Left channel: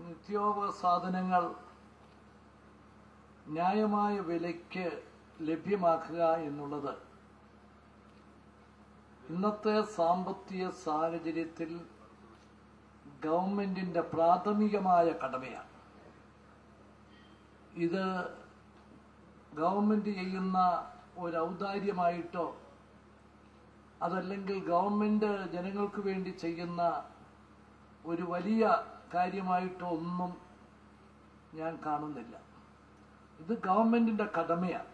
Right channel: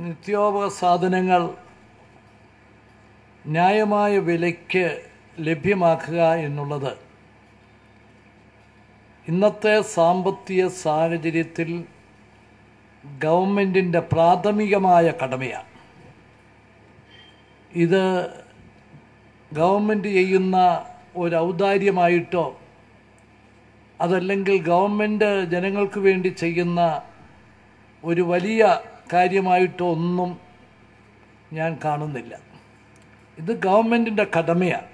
നിത്യോപയോഗ സാധനങ്ങൾ ന്യായമായ വിലയ്ക്ക് ലഭ്യമാക്കുക എന്നുള്ളത് ഇന്നത്തെ സാമ്പത്തിക സാഹചര്യത്തിൽ ഗവൺമെൻറ്റിൻ്റെ പ്രാഥമികമായ കടമയാണ്. ഇത് ഗവൺമെൻറ് ചെയ്യുന്ന ഒരു ഔദാര്യമായിട്ടോ അതല്ലെങ്കിൽ ഗവൺമെൻറ് ജനങ്ങൾക്ക് വേണ്ടി ചെയ്യുന്ന ഒരു വലിയ കാര്യമായിട്ടോ ഒന്നും ഞാൻ കാണുന്നില്ല. ഇത് ഗവൺമെൻറ്റിൻ്റെ കടമയാണ്.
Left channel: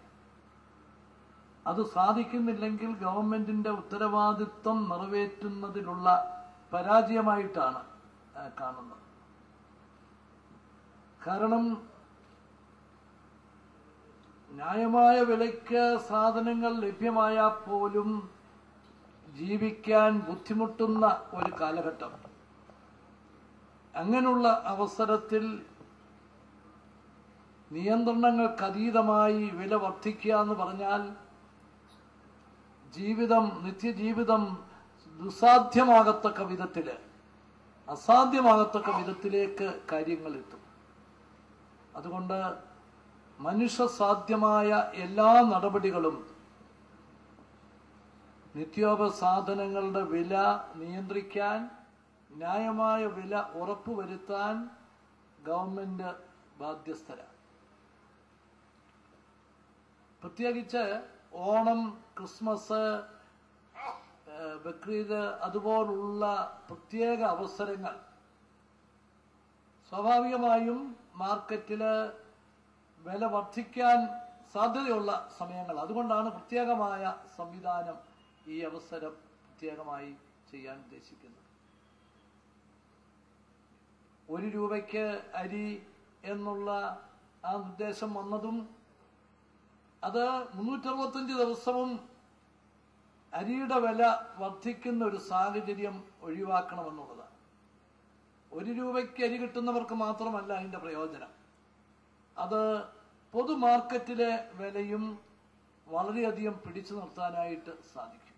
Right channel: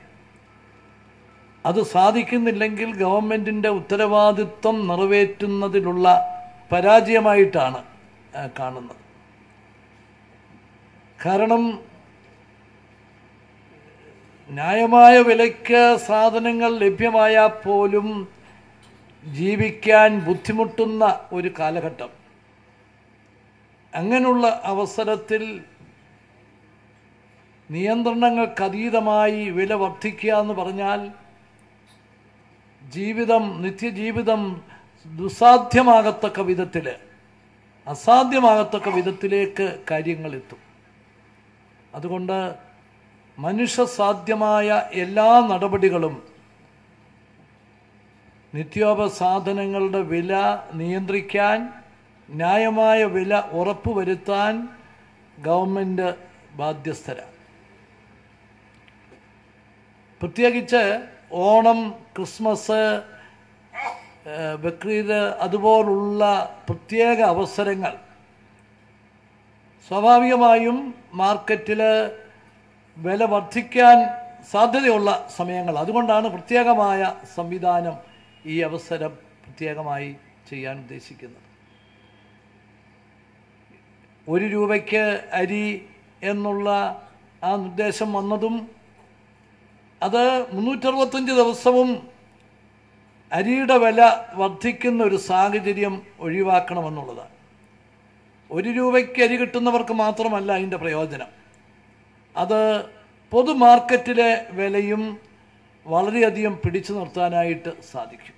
അത് സാധിക്കുന്നില്ലെങ്കിൽ ഗവൺമെൻറ്റിൻ്റെ ഉത്തരവാദിത്വം നിറവേറ്റുന്നതിലുള്ള പരാജയമായിട്ടാണ് കാണുന്നത്. കാരണം ന്യായമായ വിലയ്ക്ക് സാധനങ്ങൾ ലഭ്യമായാൽ പോലും ജീവിക്കാൻ ബുദ്ധിമുട്ടുന്ന ഒരു കാലഘട്ടം. അങ്ങനെയുള്ള അവസരത്തിൽ നിയന്ത്രണങ്ങൾക്കതീതമായി വില വർദ്ധിക്കുക എന്ന് പറഞ്ഞാൽ നിത്യജീവിതം ദുസ്സാധ്യമാകത്തക്ക വിധത്തിൽ, അസാധ്യമാകത്തക്ക വിധത്തിലേക്ക് കാര്യങ്ങൾ എത്തും. അതുകൊണ്ട് മനുഷ്യസാധ്യമായ എല്ലാ നടപടികളും നിത്യോപയോഗ സാധനങ്ങളുടെ വില നിയന്ത്രിക്കാൻ, ന്യായമായ വില ഉറപ്പുവരുത്താൻ ഗവൺമെൻറ് ബാധ്യസ്ഥരാണ്. പ്രത്യേകിച്ച് ഓണം, ക്രിസ്മസ്, ബക്രീദ് അതുപോലുള്ള പ്രത്യേക അവസരങ്ങൾ സ്വാഭാവികമായും മാർക്കറ്റിൽ വില വർദ്ധിക്കാൻ സാധ്യതയുള്ള സമയങ്ങൾ. അതുകൊണ്ടാണ് പ്രത്യേകമായ സംവിധാനം ഈ അവസരം പ്രത്യേകമായി ചെയ്യാൻ ഉദ്ദേശിക്കുന്നത്. 1 രൂപയ്ക്ക് അരി എന്നുള്ള ആ നിർദ്ദേശം വന്നതും അത് 365 ദിവസവും അരിയുടെ വില വർദ്ധിക്കുന്ന ഒരു സാഹചര്യം ഒഴിവാക്കണമെന്നുള്ളതാണ്. 1 രൂപയ്ക്ക് അരി കിട്ടുന്നവർക്ക് മാത്രമല്ല അതിൻ്റെ പ്രയോജനം, അത് പൊതു മാർക്കറ്റിലെ വിലയും വളരെയധികം പിടിച്ചു നിർത്താനായിട്ട് സാധിക്കും.